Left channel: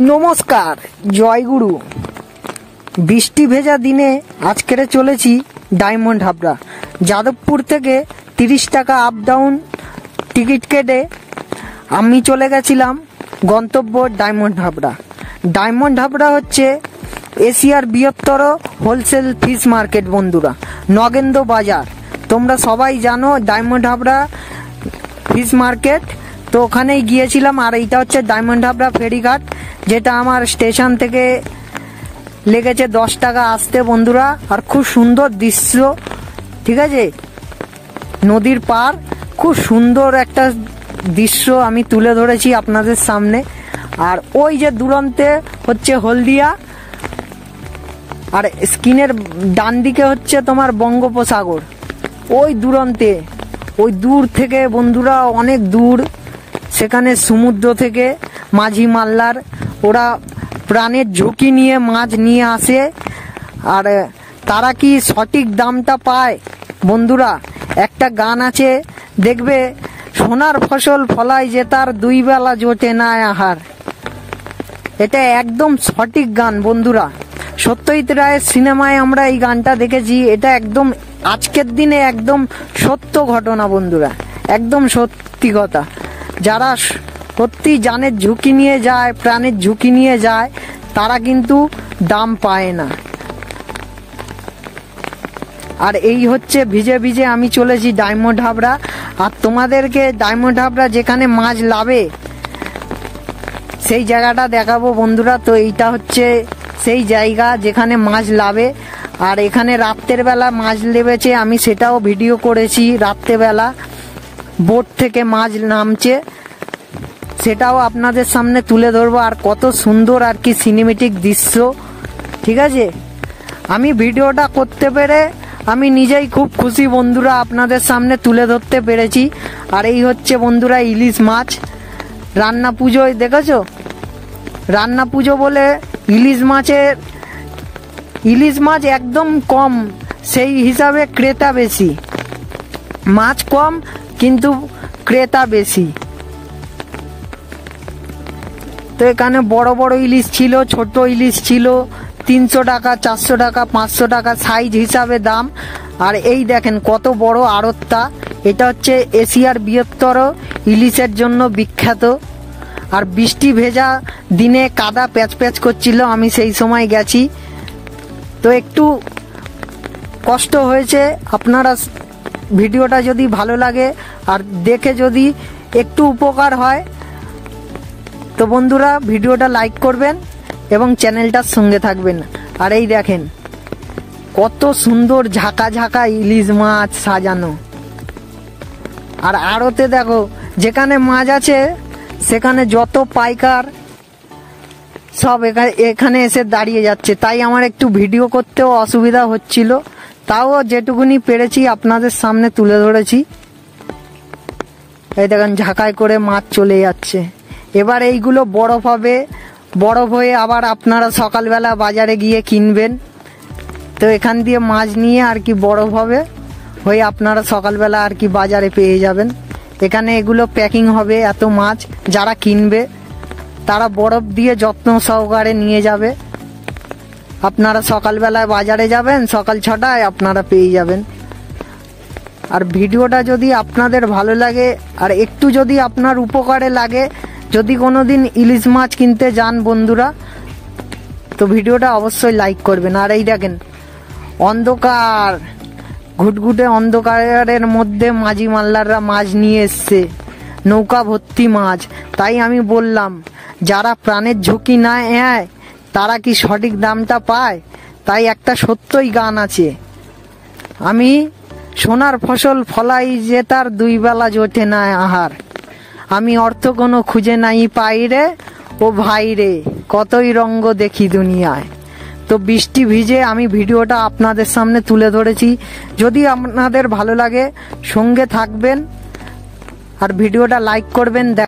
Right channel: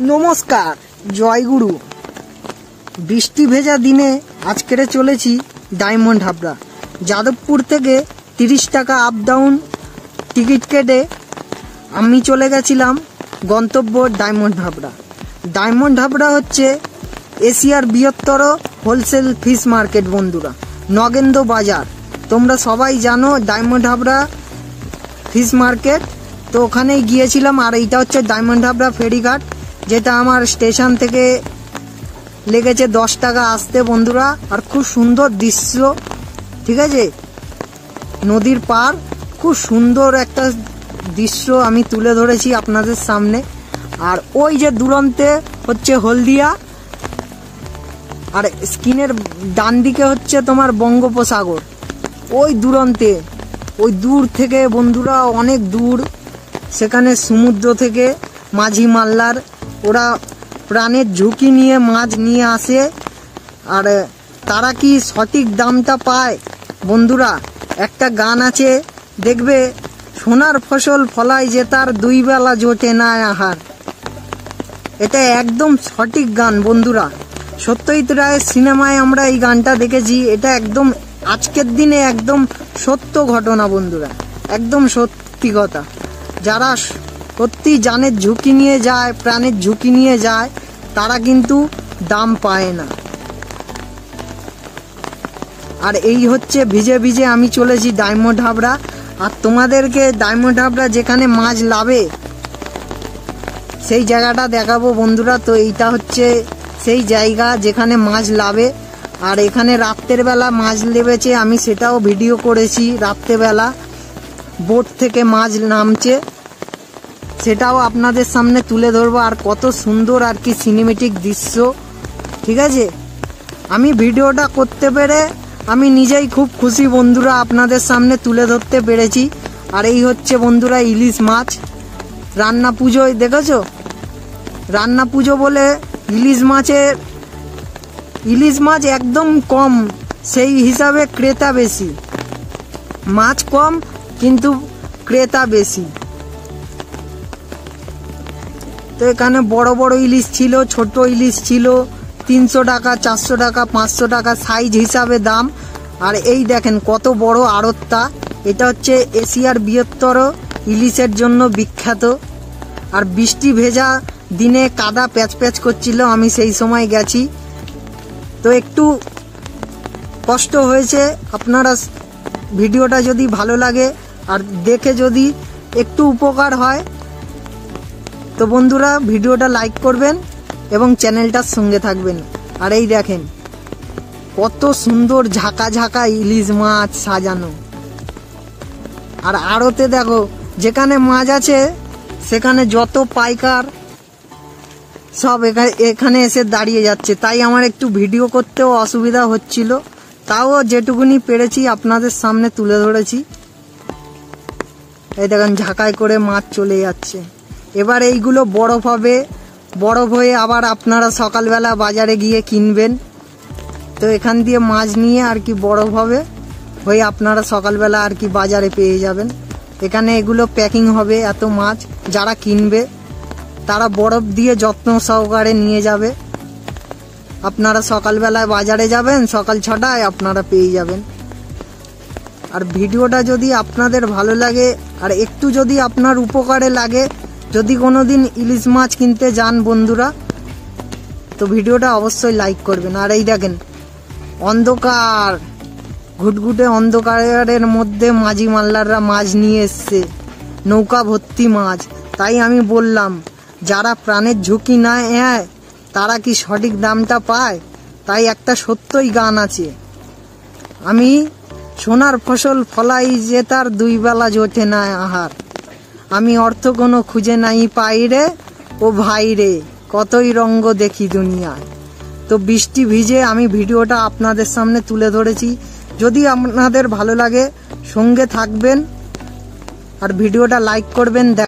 নমস্কার, জয়গুরু। বৃষ্টি ভেজা দিনে আজকের চলেছি ডায়মন্ড হাবড়া। যাদবপুর থেকে 30 টাকা আপ ডাউন টিকিট কেটে আমি চলে গেছিলাম গন্তব্য ডায়মন্ড হাবড়া। ডায়মন্ড হাবড়া হচ্ছে এশিয়ার বৃহত্তর হোলসেল ফিশ মার্কেট বন্ধুরা, নগেন্দ্র বাজার। তোমরা সবাই জানো ডায়মন্ড হাবড়া ফিশ মার্কেট। তো ওখানেই গিয়েছিলাম। আর এইটা হচ্ছে ডায়মন্ড হাবড়া ফেরিঘাট, যেটা আমার স্টেশন থেকে লেগেছে 10 টাকা আসতে বন্ধুরা। আর খুব সুন্দর দৃশ্য, ঠিক আছে, নদীর পার, খুব সুন্দর একটা দৃশ্য আমি তুলে ধরেছি আপনাদের সামনে। আর ওই যে দূরান্তে হচ্ছে হলদিয়া, আর স্ক্রিনের ডান দিকে হচ্ছে তোমার বঙ্গোপসাগর। ওই দূরান্তে, ওই দূর থেকে বন্ধুরা, অনেক দূর, সেখানে সমুদ্র থেকে মাঝি মাল্লার ওরা প্রাণের ঝুঁকি নিয়ে মাছ নিয়ে আসে। আর তারা কি সঠিক দামটা পায় বন্ধুরা? একটা গান আছে দেখবে, সোনার ফসল ফলায় যে তার 2 বেলা জোটে না আহার। এটা একদম সঠিক গান বন্ধুরা। সত্যজিৎ রায়ের সিনেমায় আমরা এই গানটা দেখেছি। এটা একদম আজকের দিনে একদম সত্য ঘটনা বন্ধুরা, একদম সত্যি কথা। যারা সত্যি জানের ঝুঁকি নিয়ে যায়, প্রাণের ঝুঁকি নিয়ে যায়, তারা কিন্তু দাম পায় না। আর এই হচ্ছে ভিজে ভিজে আমি চলেছি ডায়মন্ড হাবড়া। আর তোমাদেরকে ডায়মন্ড হাবড়া যেখানে মাছ লাভে সেই জায়গাটা দেখাবো বন্ধুরা। তো এইটা হচ্ছে সেই জায়গা যেখানে মাছ লাভে। আর এখানে রাত্রের বেলা মাছ লেবেছে, আমি সেটাও ভিডিও করেছি। রাত্রেবেলা বোট থেকে মাছ নামছে, সেটাও আপনাদের সামনে তুলে ধরবো। আর কত সুন্দর আর কি সিনেমেটিক দৃশ্য, ঠিক আছে। আমি ভিডিওটা করতে পেরে আমি নিজেই খুব খুশি বন্ধুরা, আপনাদের সামনে তুলে ধরতে পেরেছি। আর এই হচ্ছে বন্ধুরা ইলিশ মাছ। রান্না পুজোয় দেখেছো, রান্না পুজো বলে ইলিশ মাছ একদম কম, সেই হিসাবে ক্রেতা বেশি। মাছ কম কিন্তু ক্রেতা বেশি। তো এখানে বড় বড় ইলিশ ছিল, ছোট ইলিশ ছিল, 300 টাকা, 400 টাকা, 500 টাকা সাইজ হিসাবে দাম। আর এই দেখেন কত বড় আড়তটা। এটা হচ্ছে এশিয়ার বৃহত্তর ইলিশের জন্য বিখ্যাত। আর বৃষ্টি ভেজা দিনে কাদা প্যাচ প্যাচ করছিল, আমি সেই সময় গেছি, তো একটু কষ্ট হয়েছে। আপনারা ভিডিওটা যদি ভালো লাগে আর দেখে যদি একটু উপকার হয়, তো বন্ধুরা ভিডিওটা লাইক করবেন এবং চ্যানেলটার সঙ্গে থাকবেন। আর এই দেখেন কত সুন্দর ঝাঁকা ঝাঁকা ইলিশ মাছ সাজানো। আর আড়তে দেখো, যেখানে মাছ আছে সেখানে যত পাইকার সব এখানে এসে দাঁড়িয়ে যাচ্ছে। তাই আমার একটু ভিডিও করতেও অসুবিধা হচ্ছিল, তাও যেটুকুনি পেরেছি আপনাদের সামনে তুলে ধরেছি। এই দেখেন ঝাঁকায় করে মাছ চলে যাচ্ছে। এবার এইগুলো বরফ হবে, বরফ হয়ে আবার আপনারা সকালবেলা বাজারে গিয়ে কিনবেন। তো এখান দিয়ে মাছ নিয়ে আর কি বরফ হবে, হয়ে আপনারা সকালবেলা আর কি বাজারে পেয়ে যাবেন। এখানে এগুলো প্যাকিং হবে, এত মাছ যারা কিনবে তারা বরফ দিয়ে যত্ন সহকারে নিয়ে যাবে। আপনারা সকালবেলায় বাজারে যাবেন, সকাল 6টায় আপনারা পেয়ে যাবেন। আর ভিডিওটা যদি আপনাদের ভালো লাগে আর একটু যদি আপনার উপকারে লাগে, যদি কোনোদিন ইলিশ মাছ কিনতে যান বন্ধুরা, তো ভিডিওটা অবশ্যই লাইক করবেন। আর এই দেখেন অন্ধকার, ঘুটঘুটে অন্ধকারের মধ্যে মাঝি মাল্লাররা মাছ নিয়ে এসছে, নৌকা ভর্তি মাছ। তাই আমি বললাম, যারা প্রাণের ঝুঁকি না নেয় তারা কি সঠিক দামটা পায়? তাই একটা সত্যই গান আছে, আমি সোনার ফসল ফলাই যে তার 2 বেলা জোটে না আহার। আমি অর্থ কোনো খুঁজে নাই পাই রে ও ভাই রে, কতই রঙ্গ দেখি দুনিয়ায়। তো বৃষ্টি ভিজে আমি ভিডিওটা আপনাদের সামনে তুলে ধরেছি। যদি আপনাদের ভালো লাগে সঙ্গে থাকবেন আর ভিডিওটা লাইক করবেন।